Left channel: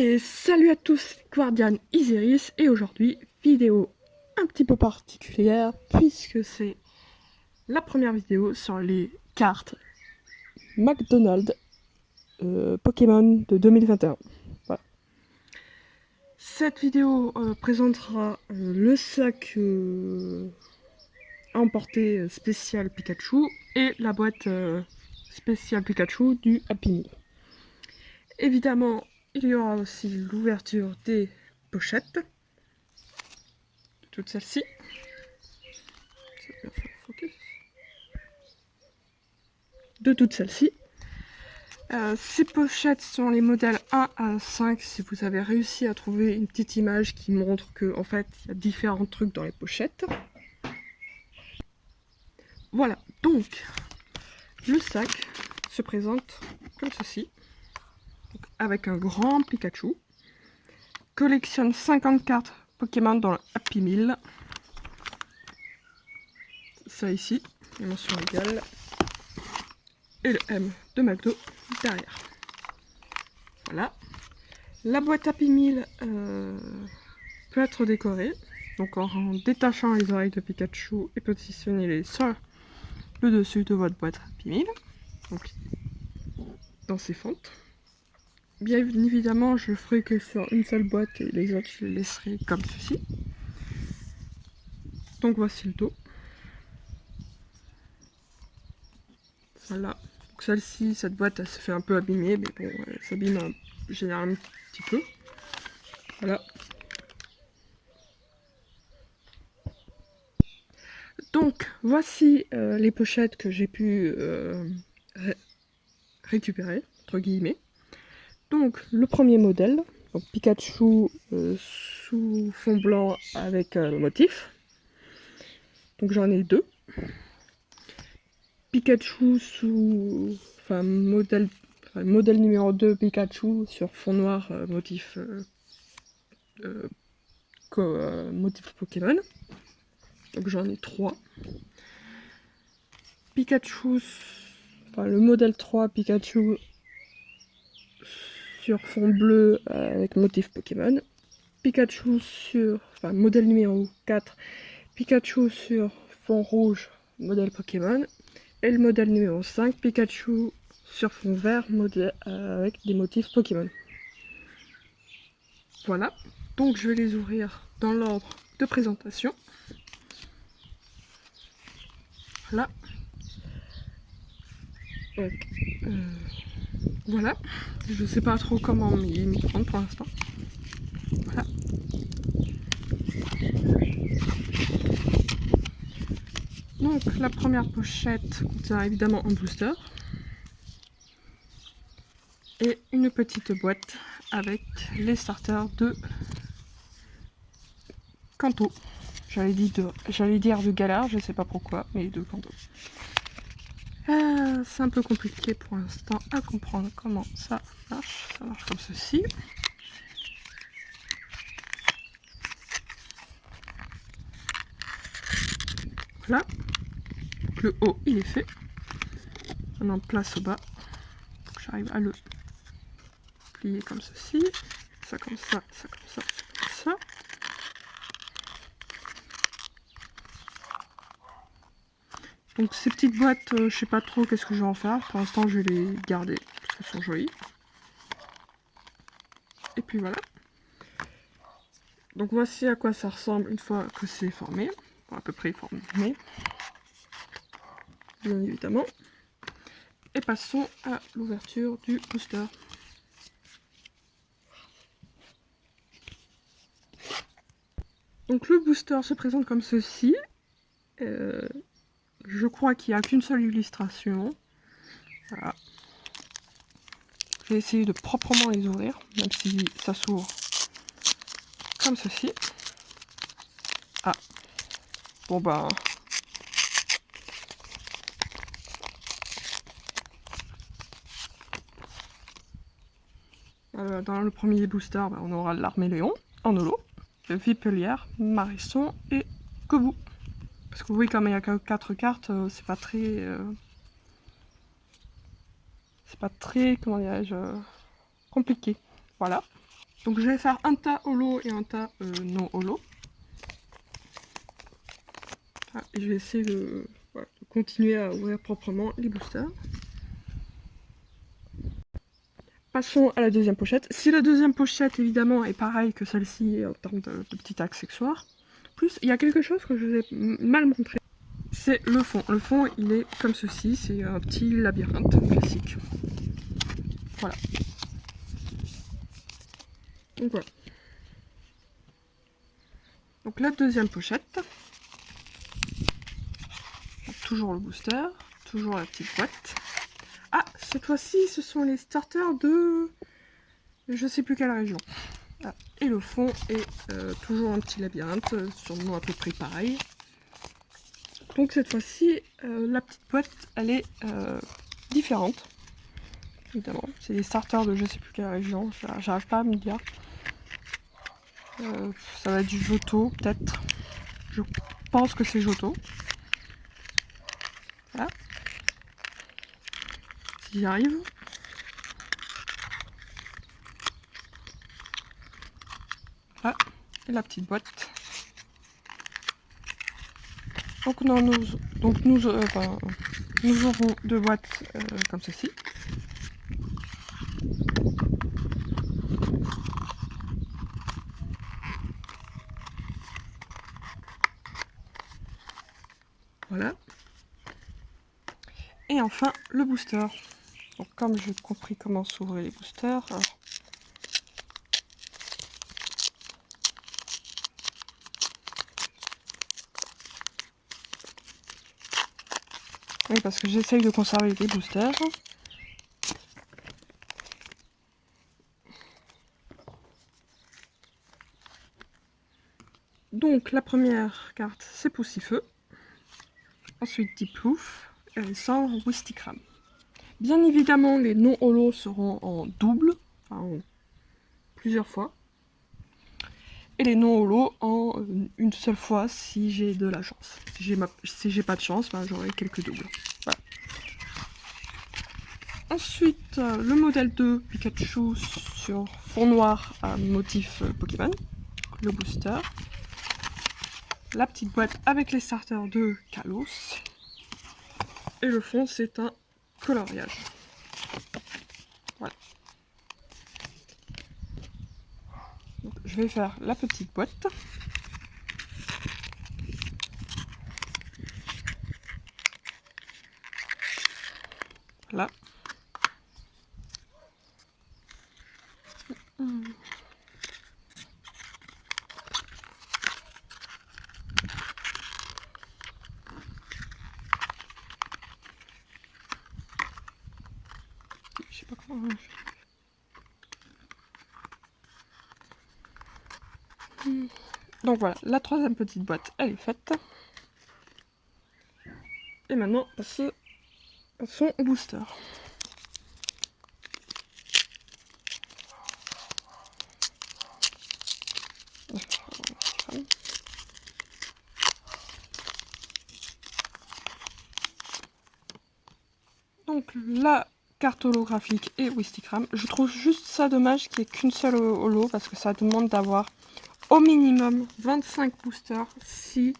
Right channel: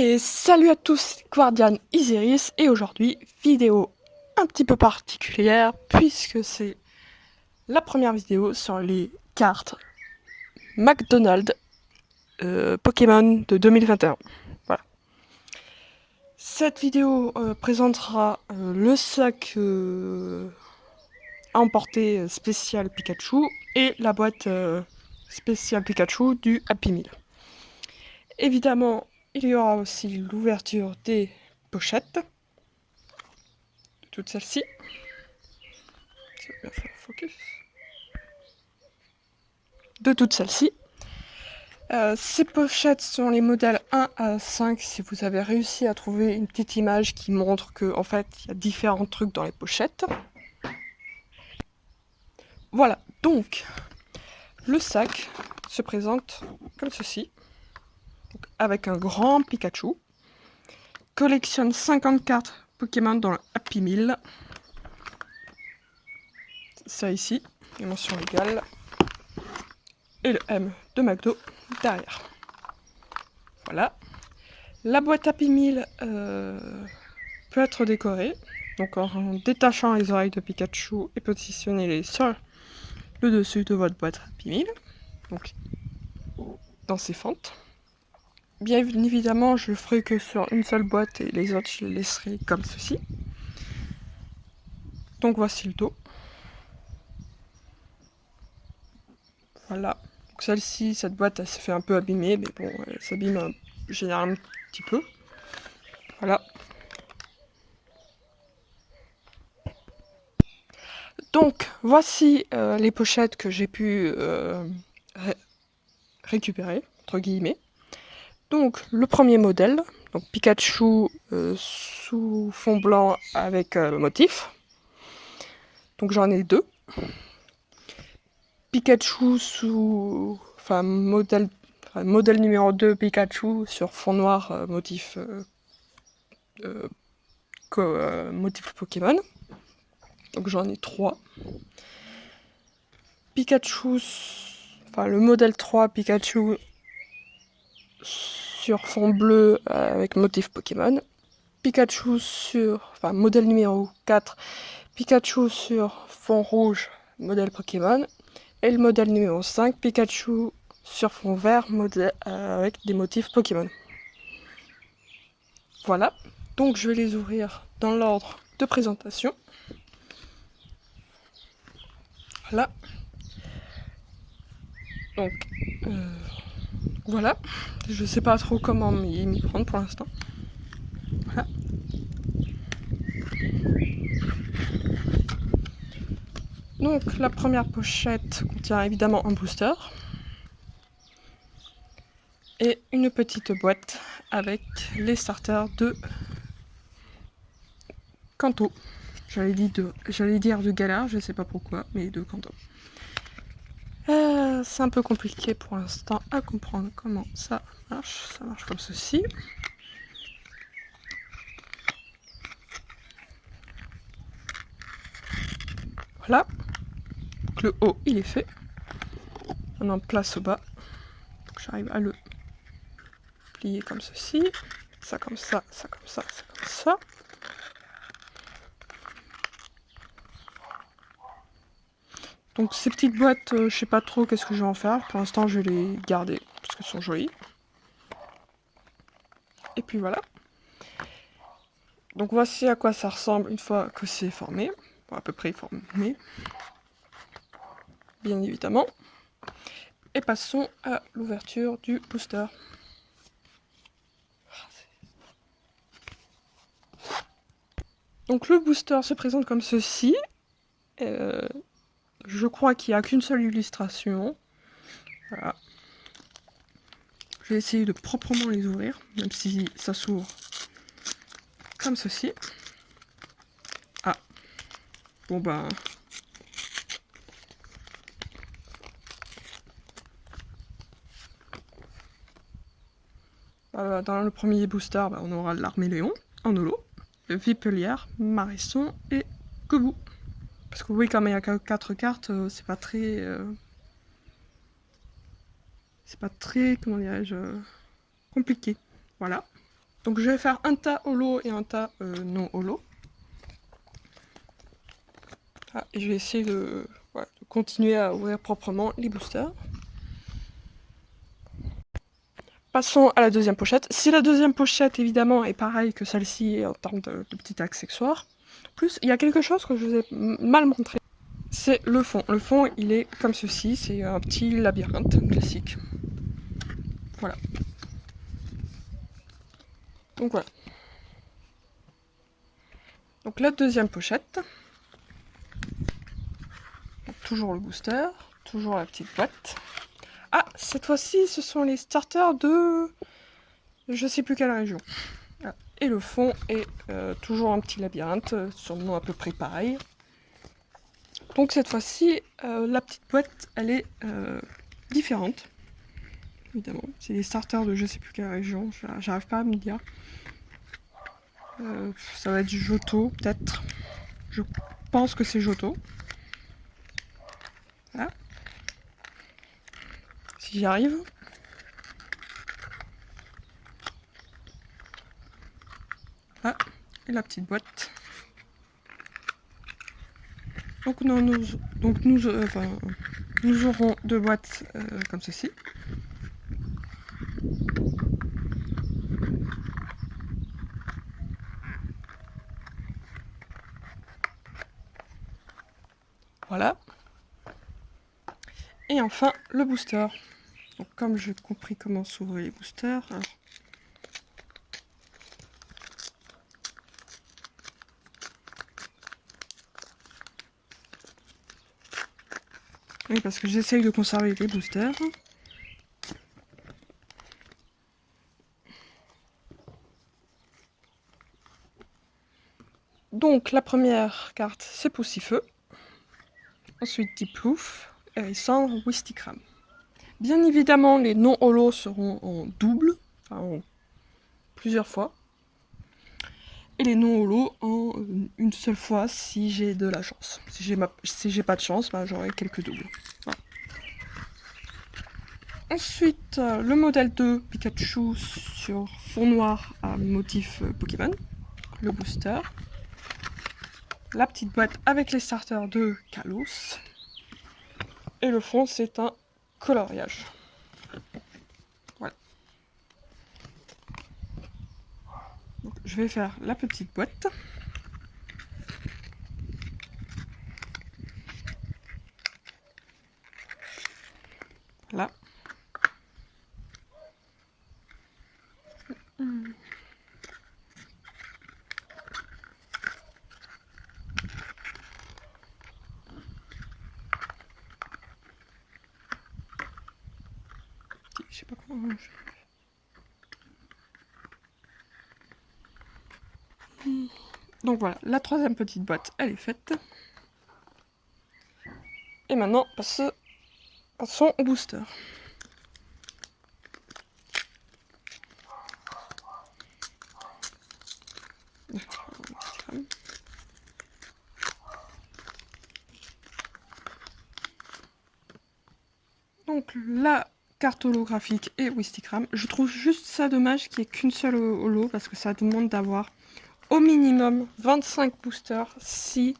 Et salut à tous, Guardian Isiris, et aujourd'hui, vidéo un petit peu particulière, puisque c'est la première vidéo sur les cartes McDonald's Pokémon de 2021. Voilà. Cette vidéo présentera le sac à emporter spécial Pikachu et la boîte spéciale Pikachu du Happy Meal. Évidemment, il y aura aussi l'ouverture des pochettes, de toutes celles-ci. De toutes celles-ci. Ces pochettes sont les modèles 1 à 5 si vous avez réussi à trouver une petite image qui montre que en fait il y a différents trucs dans les pochettes. Voilà, donc le sac se présente comme ceci, donc, avec un grand Pikachu. Collectionne 50 cartes Pokémon dans le Happy Meal. Ça ici, les mentions légales. Et le M de McDo derrière. Voilà. La boîte Happy Meal peut être décorée. Donc en détachant les oreilles de Pikachu et positionnez-les sur le dessus de votre boîte Happy Meal. Donc dans ces fentes. Bien évidemment, je le ferai que sur une seule boîte et les autres je les laisserai comme ceci. Donc voici le dos. Voilà. Donc celle-ci, cette boîte, elle se fait un peu abîmer, mais bon, elle s'abîme généralement un petit peu. Voilà. Donc voici les pochettes que j'ai pu récupérer, entre guillemets. Donc le premier modèle, donc Pikachu sous fond blanc avec le motif. Donc j'en ai deux. Pikachu sous... Enfin modèle numéro 2 Pikachu sur fond noir motif motif Pokémon. Donc j'en ai 3. Pikachu, enfin le modèle 3 Pikachu sur fond bleu avec motif Pokémon. Pikachu sur, enfin modèle numéro 4, Pikachu sur fond rouge, modèle Pokémon. Et le modèle numéro 5, Pikachu sur fond vert, modèle avec des motifs Pokémon. Voilà, donc je vais les ouvrir dans l'ordre de présentation. Voilà. Donc, voilà. Je sais pas trop comment m'y prendre pour l'instant. Voilà. Donc la première pochette contient évidemment un booster et une petite boîte avec les starters de Kanto. J'allais dire de Galar, je sais pas pourquoi, mais de Kanto. C'est un peu compliqué pour l'instant à comprendre comment ça marche. Ça marche comme ceci. Voilà. Donc le haut il est fait. Maintenant place au bas. J'arrive à le plier comme ceci. Ça comme ça, ça comme ça, ça comme ça. Donc ces petites boîtes, je sais pas trop qu'est-ce que je vais en faire. Pour l'instant je vais les garder parce qu'elles sont jolies. Et puis voilà. Donc voici à quoi ça ressemble une fois que c'est formé. Bon, à peu près formé. Bien évidemment. Et passons à l'ouverture du booster. Donc le booster se présente comme ceci. Je crois qu'il n'y a qu'une seule illustration. Voilà. Je vais essayer de proprement les ouvrir, même si ça s'ouvre comme ceci. Ah, bon ben... dans le premier booster, on aura l'Arméléon en holo, le Vipelière, Marisson et Kobu. Parce que oui, comme il n'y a que 4 cartes, c'est pas très... comment dirais-je, compliqué. Voilà. Donc je vais faire un tas holo et un tas non holo. Ah, et je vais essayer de continuer à ouvrir proprement les boosters. Passons à la deuxième pochette. Si la deuxième pochette, évidemment, est pareille que celle-ci en termes de petits accessoires, plus, il y a quelque chose que je vous ai mal montré. C'est le fond. Le fond, il est comme ceci. C'est un petit labyrinthe classique. Voilà. Donc voilà. Donc la deuxième pochette. Donc, toujours le booster. Toujours la petite boîte. Ah, cette fois-ci, ce sont les starters de... je sais plus quelle région. Ah. Et le fond est toujours un petit labyrinthe, sûrement à peu près pareil. Donc cette fois-ci, la petite boîte, elle est différente. Évidemment, c'est des starters de je sais plus quelle région, j'arrive pas à me dire. Ça va être du Johto, peut-être. Je pense que c'est Johto. Voilà. Si j'y arrive. Là, et la petite boîte. Donc nous aurons deux boîtes comme ceci. Voilà. Et enfin, le booster. Donc comme j'ai compris comment s'ouvrir les boosters, alors... oui, parce que j'essaye de conserver les boosters. Donc la première carte, c'est Poussifeu. Ensuite Diplouf, Hérissandre, Wistikram. Bien évidemment, les non-holos seront en double, enfin en plusieurs fois. Et les non-holos en une seule fois si j'ai de la chance. Si j'ai pas de chance, ben, j'aurai quelques doubles. Voilà. Ensuite, le modèle 2 Pikachu sur fond noir à motif Pokémon. Le booster. La petite boîte avec les starters de Kalos. Et le fond, c'est un coloriage. Voilà. Donc, je vais faire la petite boîte. Voilà. Je sais pas comment... Donc voilà, la troisième petite boîte, elle est faite. Et maintenant, passons au booster. Donc la carte holographique et Wistikram. Je trouve juste ça dommage qu'il n'y ait qu'une seule holo parce que ça demande d'avoir au minimum 25 boosters si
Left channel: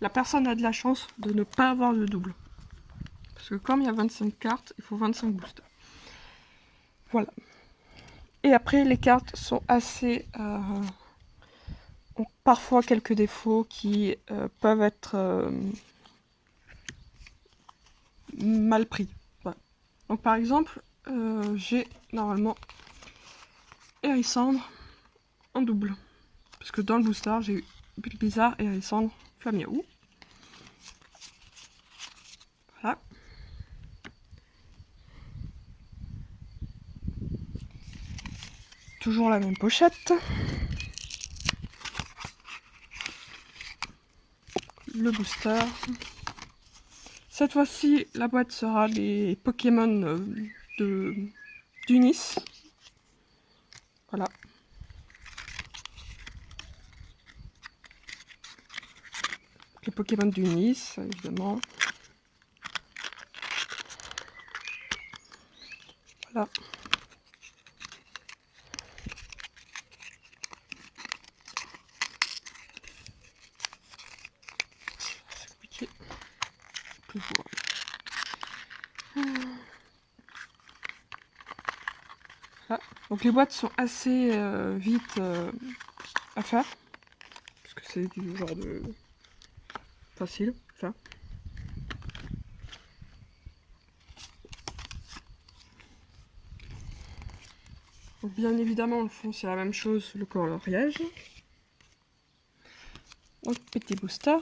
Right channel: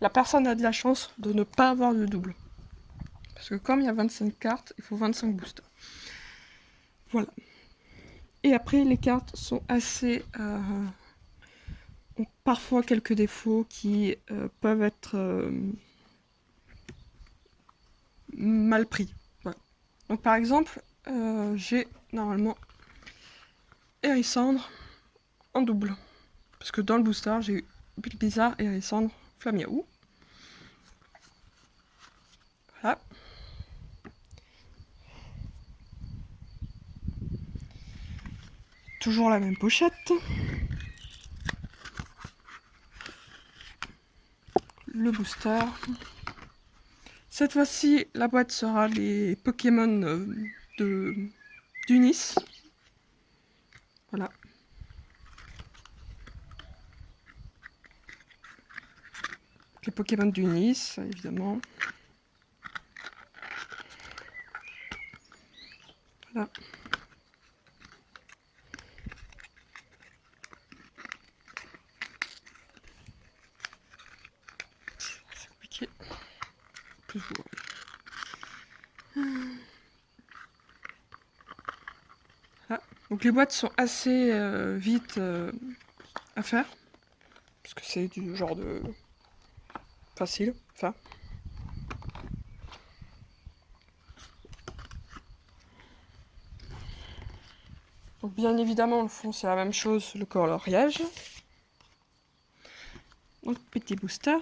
la personne a de la chance de ne pas avoir de double. Parce que comme il y a 25 cartes, il faut 25 boosters. Voilà. Et après, les cartes sont assez... ont parfois quelques défauts qui peuvent être mal pris. Voilà. Donc par exemple, j'ai normalement Hérissandre en double. Parce que dans le booster, j'ai eu Bulbizarre, Hérissandre, Flamiaou. Voilà. Toujours la même pochette. Le booster. Cette fois-ci, la boîte sera les Pokémon d'Unis. Voilà. Les Pokémon d'Unis, évidemment. Voilà. que je vois. Voilà. Donc les boîtes sont assez vite à faire. Parce que c'est du genre de facile. Enfin. Donc bien évidemment le fond c'est la même chose, le coloriage. Donc petit booster.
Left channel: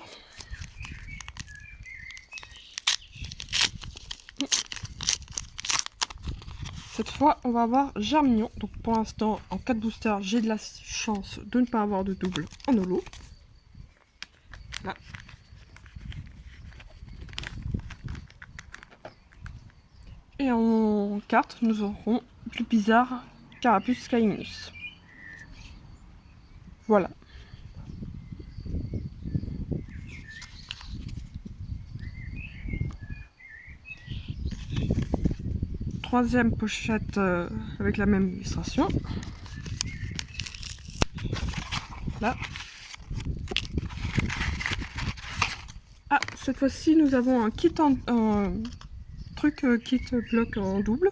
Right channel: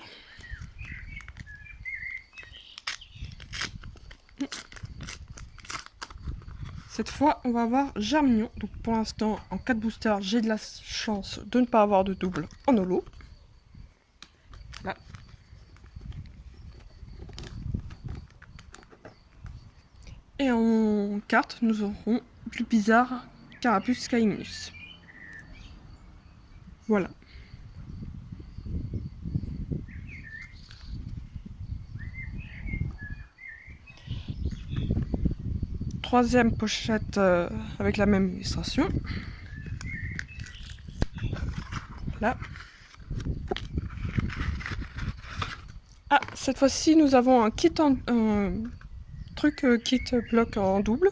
Cette fois on va avoir Germignon. Donc pour l'instant en 4 boosters j'ai de la chance de ne pas avoir de double en holo. Là. Et en carte nous aurons plus bizarre Carapuce Caimus. Voilà. Troisième pochette avec la même illustration. Là. Ah, cette fois-ci, nous avons un kit kit bloc en double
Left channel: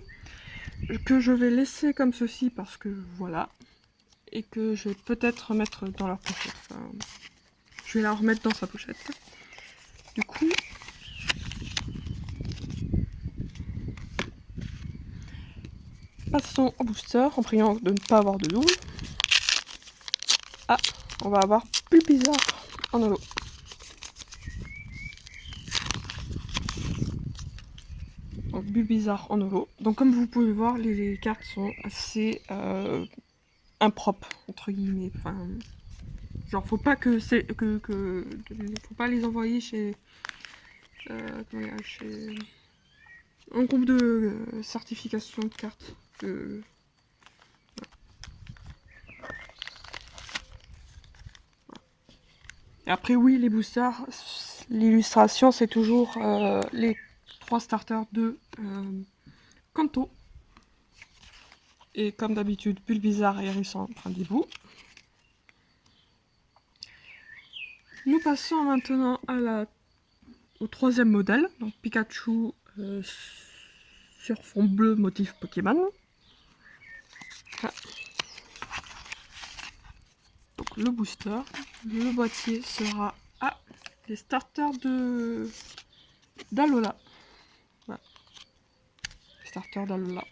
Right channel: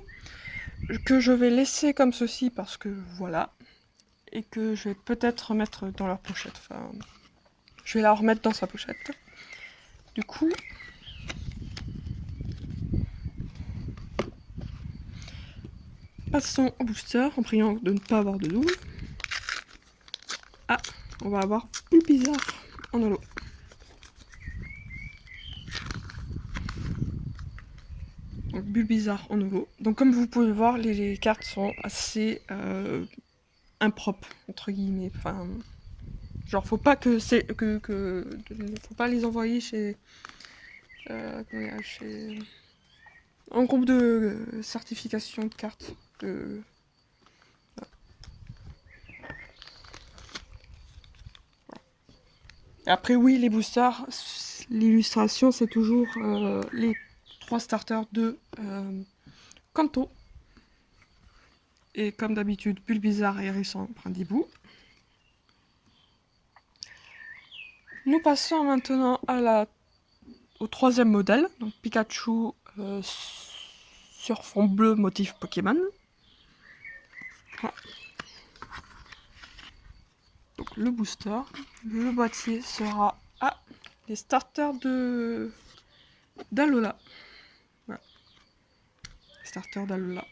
que je vais laisser comme ceci parce que voilà, et que je vais peut-être remettre dans leur pochette. Enfin, je vais la remettre dans sa pochette. Du coup, passons au booster en priant de ne pas avoir de double. Ah, on va avoir plus bizarre en holo. Donc Bulbizarre en holo. Donc comme vous pouvez voir, les cartes sont assez impropres entre guillemets. Enfin, genre faut pas que faut pas les envoyer chez chez un groupe de certification de cartes. Voilà. Et après oui, les boosters, l'illustration c'est toujours les 3 starters de Kanto. Et comme d'habitude, Bulbizarre, Hérisson, Brindibou. Nous passons maintenant au troisième modèle, donc Pikachu sur fond bleu motif Pokémon. Voilà. Donc le booster, le boîtier sera les starters d'Alola. Voilà. Les starters d'Alola.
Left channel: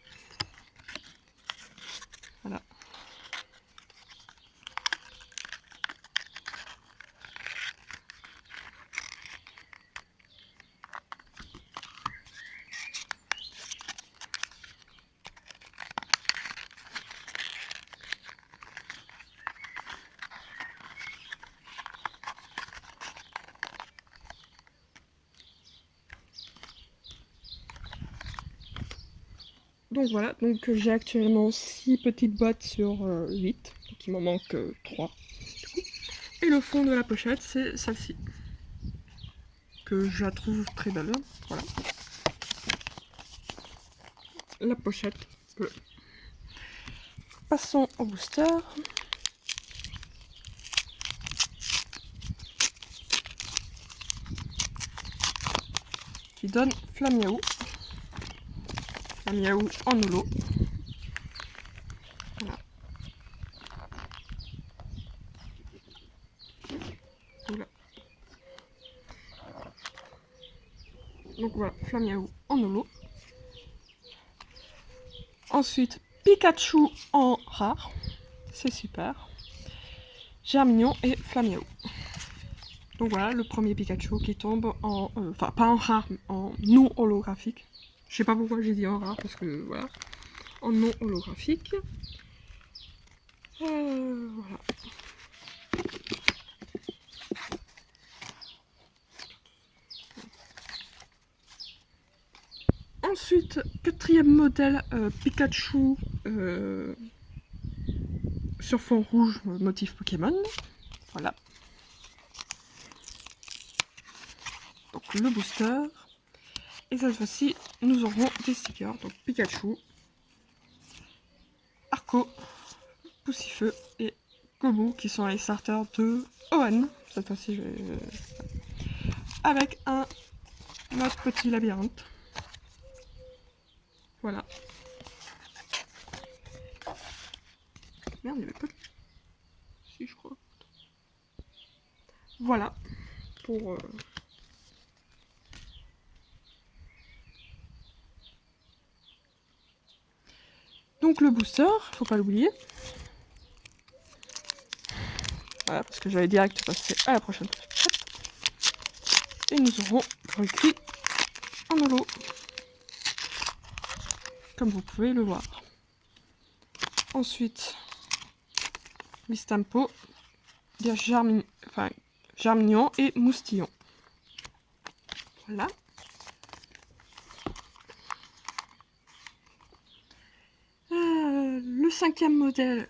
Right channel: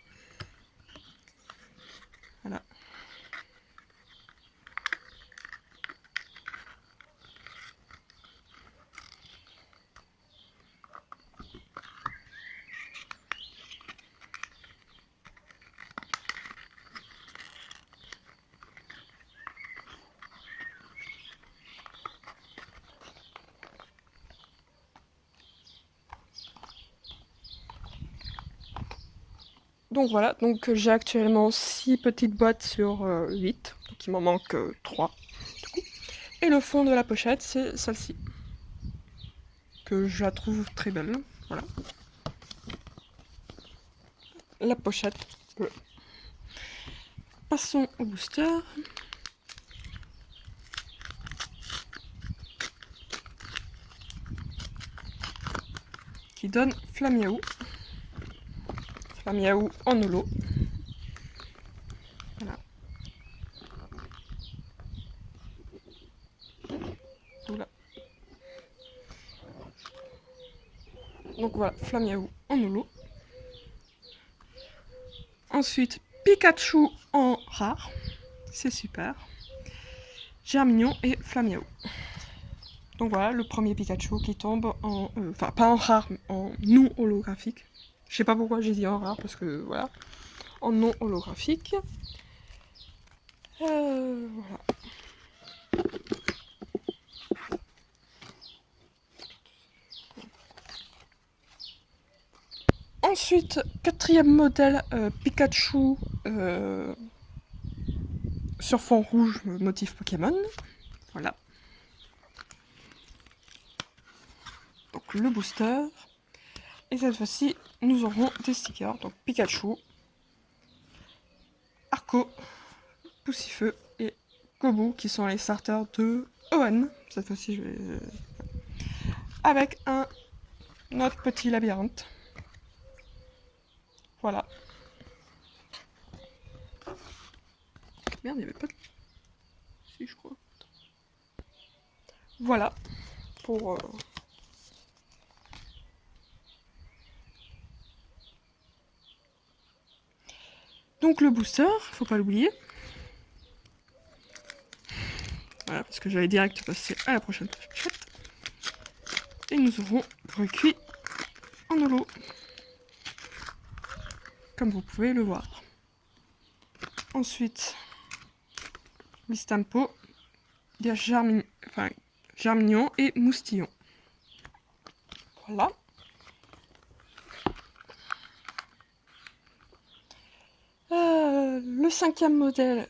Voilà. Donc voilà, donc j'ai actuellement 6 petites boîtes sur 8, donc il m'en manque 3. Et le fond de la pochette, c'est celle-ci, que je la trouve très belle. Voilà. La pochette bleue. Passons au booster. Qui donne Flamiaou. Flamiaou en holo. Voilà. Voilà. Donc voilà, Flamiaou en holo. Ensuite, Pikachu en rare. C'est super. Germignon et Flamiaou. Donc voilà, le premier Pikachu qui tombe en... Enfin, pas en rare, mais en non holographique. Je sais pas pourquoi j'ai dit en rare, parce que voilà. En non holographique. Voilà. Ensuite, quatrième modèle, Pikachu sur fond rouge, motif Pokémon. Voilà. Donc le booster. Et cette fois-ci, nous aurons des stickers. Donc Pikachu, Arco, Poussifeu et Kobu qui sont les starters de Owen. Cette fois-ci, je vais... avec un notre petit labyrinthe. Voilà. Merde, il n'y avait pas de... Si, je crois. Voilà. Pour... Donc le booster, faut pas l'oublier. Voilà, parce que j'allais direct passer à la prochaine pochette. Et nous aurons recuit en holo. Comme vous pouvez le voir. Ensuite, Wistampo, Germignon et Moustillon. Voilà. Le 5e modèle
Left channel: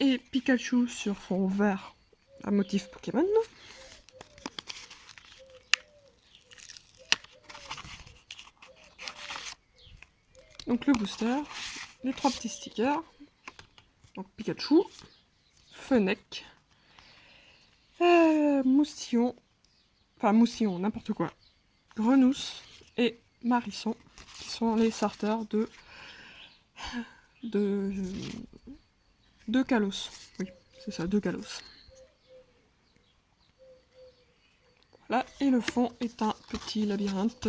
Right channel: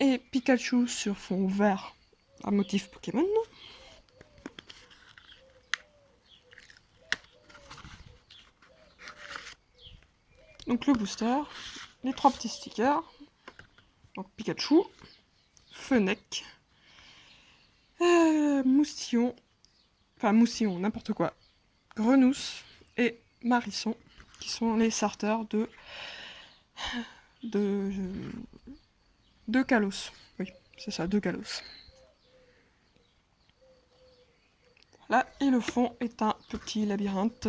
est Pikachu sur fond vert à motif Pokémon. Donc le booster, les 3 petits stickers, donc Pikachu, Fennec, Moustillon, n'importe quoi, Grenousse et Marisson, qui sont les starters de Kalos. Oui, c'est ça, de Kalos. Voilà, et le fond est un petit labyrinthe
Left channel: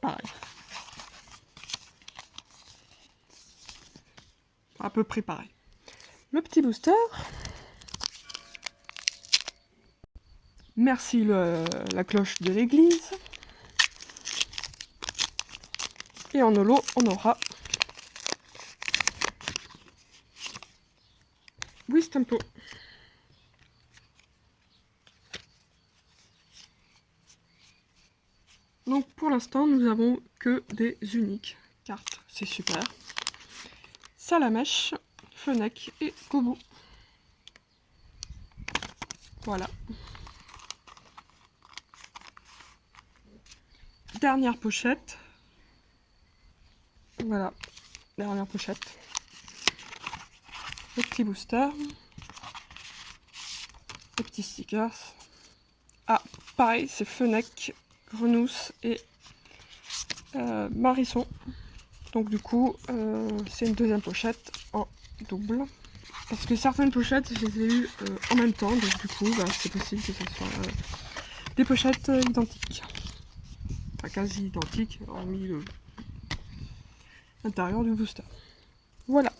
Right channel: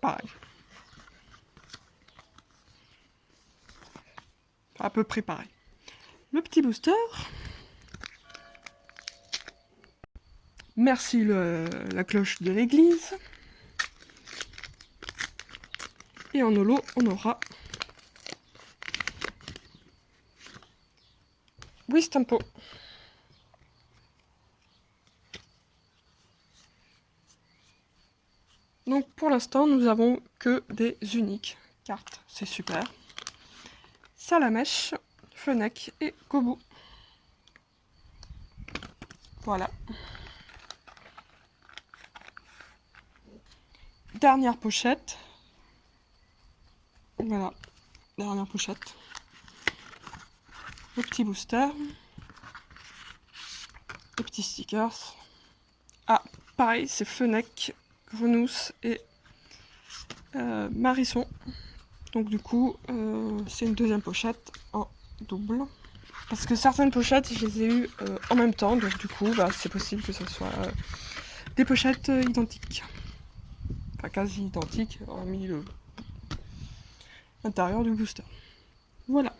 pareil. À peu près pareil. Le petit booster. Merci la cloche de l'église. Et en holo, on aura Wistampo. Donc pour l'instant, nous avons que des uniques cartes. C'est super. Salamèche, Fennec et Kobu. Voilà. Dernière pochette. Voilà. Dernière pochette. Le petit booster. Les petits stickers. Ah, pareil, c'est Fennec, Grenousse et Marisson. Donc du coup, c'est une deuxième pochette en double. Parce que certaines pochettes, je les ai eues en même temps. Donc du coup, bah, c'est possible que ce soit des pochettes identiques. Enfin, quasi identiques, hormis l'intérieur du booster. Voilà.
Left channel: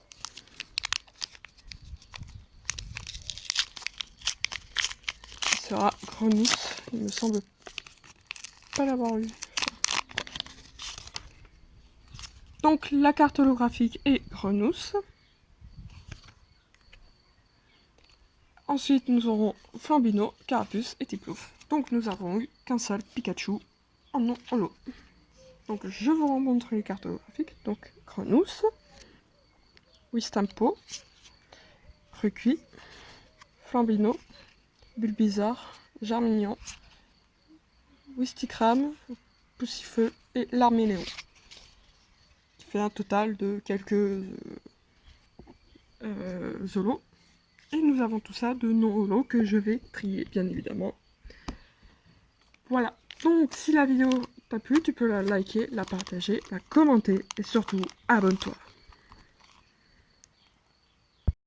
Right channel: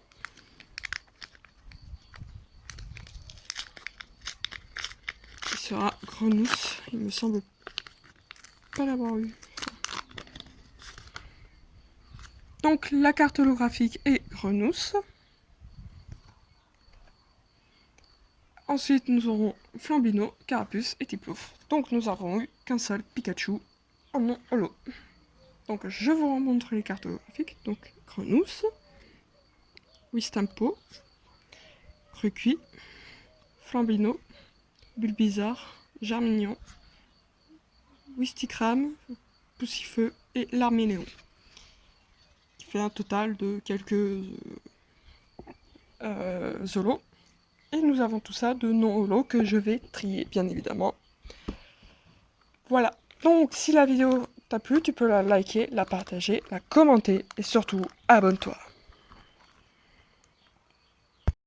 Ce sera Grenousse. Il me semble pas l'avoir eu. Donc la carte holographique est Grenousse. Ensuite nous aurons Flambino, Carapuce et Tiplouf. Donc nous avons eu qu'un seul Pikachu en non holo. Donc je vous remontre les cartes holographiques. Donc Grenousse, Wistampo, Recuit, Flambino, Bulbizarre, Germignon, Wistikram, Poussifeu et l'Arméléon. Qui fait un total de quelques holos. Et nous avons tout ça de non-holo que je vais trier, bien évidemment. Voilà. Donc, si la vidéo t'a plu, tu peux la liker, la partager, la commenter et surtout, abonne-toi.